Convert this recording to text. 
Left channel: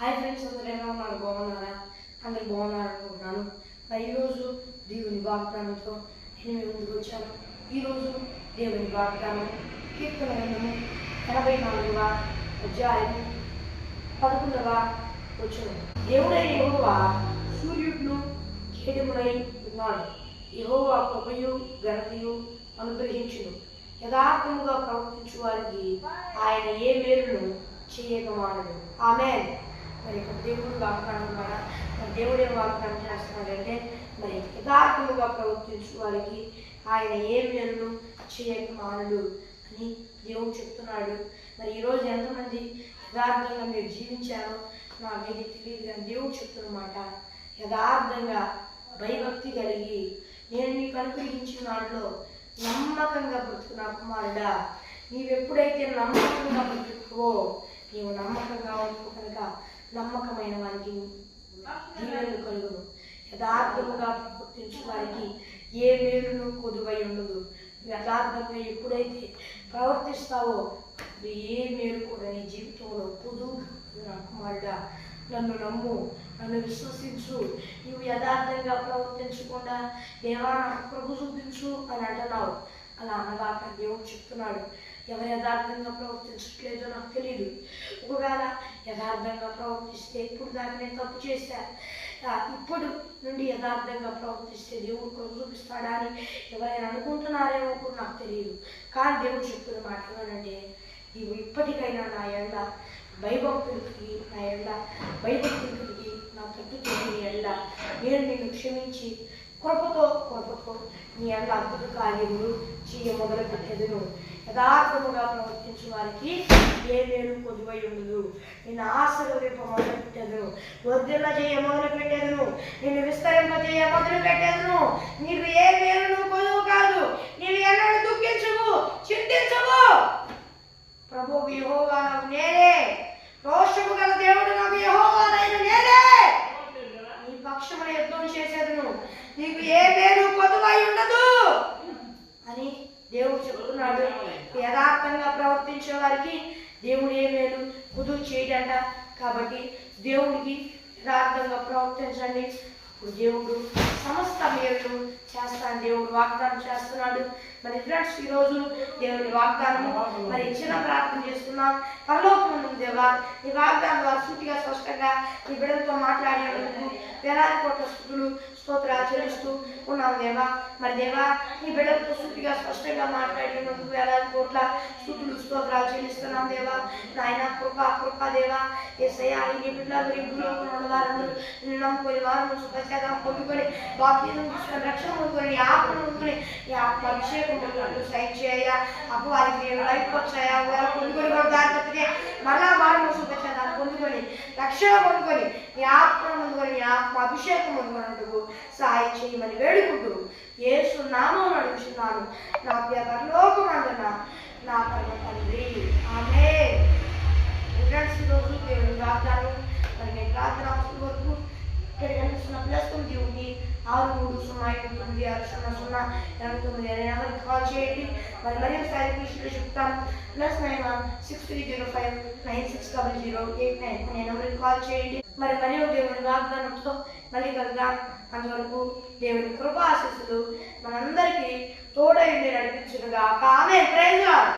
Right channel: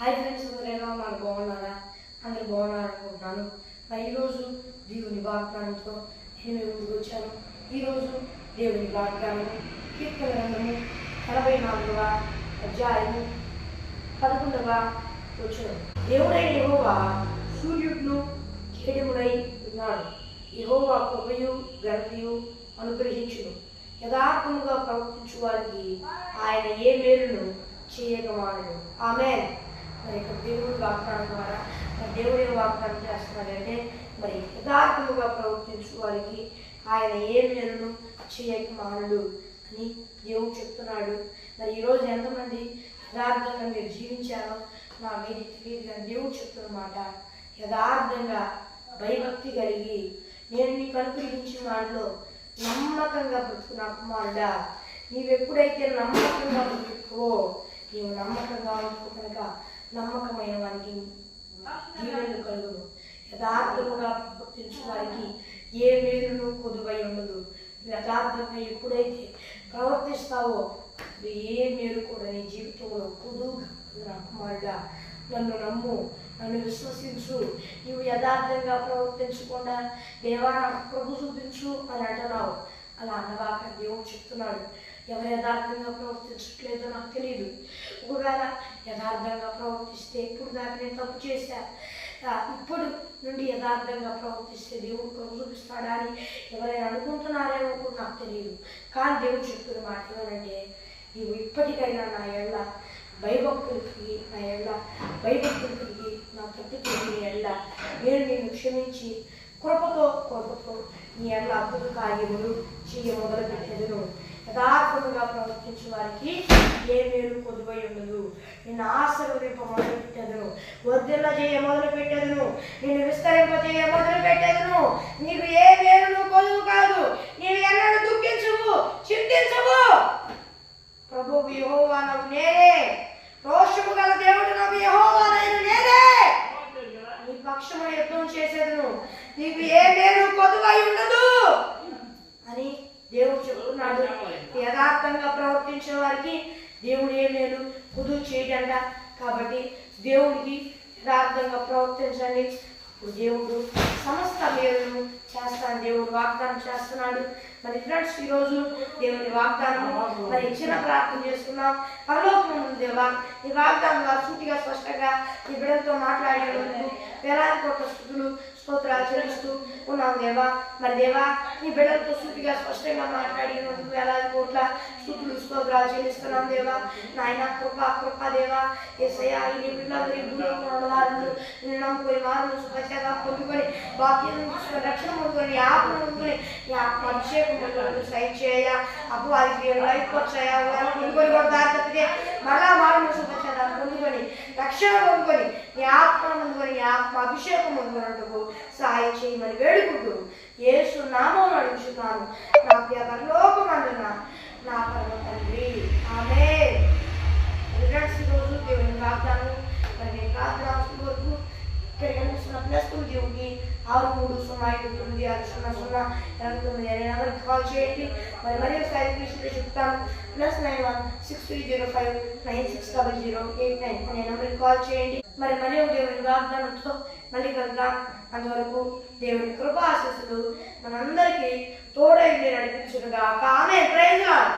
Hi friends, అందరూ ఎలా ఉన్నారు? బాగున్నారా? అందరూ బాగున్నారు అనుకుంటున్నాను. మరి ఈరోజు దేవుని వాగ్దానంతో నేను మీ ముందుకు వచ్చాను. ఈరోజు దేవుని వాగ్దానం కీర్తన గ్రంథము 84వ అధ్యాయము 11వ వచనం. దేవుడైన యెహోవా సూర్యుడును కేడెముడై ఉన్నాడు. యెహోవా కృపయు ఘనతయు అనుగ్రహించును. యథార్థముగా ప్రవర్తించు వారికి ఆయన ఏ మేలును చేయక మానడు. ఆమేన్. మరి ఇక్కడ దేవుడు వాగ్దానం ద్వారా దేవుడు ఏం వాగ్దానం చేస్తున్నాడంటే, మరి యథార్థముగా ప్రవర్తించు వారికి ఆయన ఏ మేలును చేయక మానడు అని దేవుడు చెప్తున్నాడు. మరి ఈరోజు ఎంతమంది యథార్థంగా మీరు జీవించారో నాకైతే తెలియదు, కానీ దేవుడు చెప్తున్నమాట యథార్థంగా భయభక్తి కలిగి నేను నీకు అనుగ్రహించిన దాంట్లో నమ్మకంగా బ్రతుకు నా కుమారుడా. నీవెప్పుడైతే నమ్మకంగా బ్రతుకువో, నీవు నమ్మకంగా ఉంటువు కనుక నమ్మకమైన వారికి దీవెనలు కలుగును. యథార్థముగా ప్రవర్తించు వారికి ఏ మేలును కొదువై ఉండదు. యథార్థంగా ఎప్పుడైతే ప్రవర్తిస్తావో ఏ మేలు కూడా నీ జీవితంలో కొదువుగా నా కుమారుడా. నన్ను నమ్ము, నన్ను విశ్వసించు. నీవు యథార్థంగా ప్రవర్తించకుండా దేవా నాకు ప్రభు చూపించు అని అంటున్నావు. అలా అనగాక దేవుడు చెప్తున్నాడు, ఎవరు యథార్థంగా ప్రవర్తించట్లేదో నాకు తెలియదు. ఒకవేళ యథార్థంగా ప్రవర్తిస్తే ఇప్పుడు దాకా నేను తప్పు చేశా, ఇప్పుడు నుండి యథార్థంగా ప్రవర్తిస్తే దేవుడు ప్రభు చూపిస్తాడా అని ఎవరైనా అనుకుంటున్నారేమో కూడా నాకు తెలియదు. కానీ దేవుడు చెప్తున్న మాట ఏమనంటే, నీవు ఇప్పటికైనా నా ఎళ్ళ భయభక్తులు కలిగి, నా ఎళ్ళ భయభక్తులు కలిగి, నా తప్పు తెలియని ఎళ్ళ నేను నిన్ను క్షమించి కృపతో నీ ఎళ్ళ అద్భుత కార్యములు చేయ మొదలు పెట్టేదను. యథార్థముగా ప్రవర్తించు వారికి ఏ మేలు కొదువై ఉండదు. నిన్ను ఆశీర్వదింప మొదలు పెట్టేదను, వర్ధిల్ల చేయ మొదలు పెట్టేదను, నిన్ను విస్తరింపజేయ మొదలు పెట్టేదను. నీకు ఏ మేలును కొదువు కాదు. నీవు ఎన్నడూ దుఃఖించవు, చింతించవు. ప్రభువు యెహోవా నాకు నేనే, రోషము గల దేవుడు నాకు యెహోవానైన నేనే. నీ పక్షమున యుద్ధం చేసేదను, నీకు ఏ మేలు కొదువై ఉండదు అని దేవుడు చెప్తున్నాడు. యథార్థంగా ప్రవర్తించే వారికి దేవుడు ఏ మేలు కొదువు చేయడంట. కాబట్టి దేవుడికి యథార్థంగా ప్రవర్తించండి, అప్పుడు దేవుడు సమస్త మేలును చేస్తాను దేవుడు వాగ్దానం చేస్తున్నాడు. మరి ఫ్రెండ్స్, ఈరోజు దేవుని వాగ్దానము మరి చిన్న ప్రార్థన చేస్తున్నాం. పరలోకమున్న దేవా, నీ వాగ్దానం ద్వారా సూటిగా స్పష్టంగా నీ బిడ్డలతో మాట్లాడేందుకు వేలాది కోట్ల స్తుతులు స్తోత్రాలు చెల్లిస్తూ ఉన్నాం దేవా. మరి దేవా, నీ బిడ్డలతో సూటిగా స్పష్టంగా మాట్లాడినందుకు వేలాది కోట్ల స్తుతులు స్తోత్రాలు చెల్లిస్తున్నాం దేవా. నాయన కృపా దేవా, యేసయ్యా, నీ బిడ్డలందరూ ఈ భూలోకంలో ఉన్న వారందరూ నిన్ను నమ్ముకొని వారు సుఖశాతం పొందుకొని వాక్యం తీసుకొని రక్షణ పొందుకొని నీ ఆత్మ పొందుకొని నీ ఆత్మ అభిషేకం పొందుకొని సైన్ చేయ అప్పు వారికి లైఫ్ వచ్చాయా పొందుకొని కూడా దారి తప్పితే మరలా మారు సుఖశాతం పొందుకొని రక్షణ పొందుకొని నీ ఆత్మ పొందుకొని నీ ఆత్మ అభిషేకం పొందుకున్నట్టుకు సహాయం చేయమని వేడుకుంటూ యేసు నామమున అడుగుచున్నాను నా ప్రియ పరలోకమందున నా పరమ తండ్రి, ఆమేన్. ఈరోజు దేవుని వాగ్దానం మరి నేను ప్రార్థన వరకు ఇక్కడ కనిపిస్తున్న ప్లస్ దేవుడికి 6305960089 నెంబర్కి కాల్ చేయండి. మరి ఒకసారి ఇంగ్లీష్లో చెప్తాను. +91 6305960089 అనే నెంబర్కి కాల్ చేయండి. మరి ఒక దేవుని వాగ్దానంతో మళ్ళీ కలుద్దాం. అంతవరకు దేవుని కృపా ఆశీస్సులు మనందరికీ తోడై నడిపించునుగాక. ఆమేన్. Praise lord.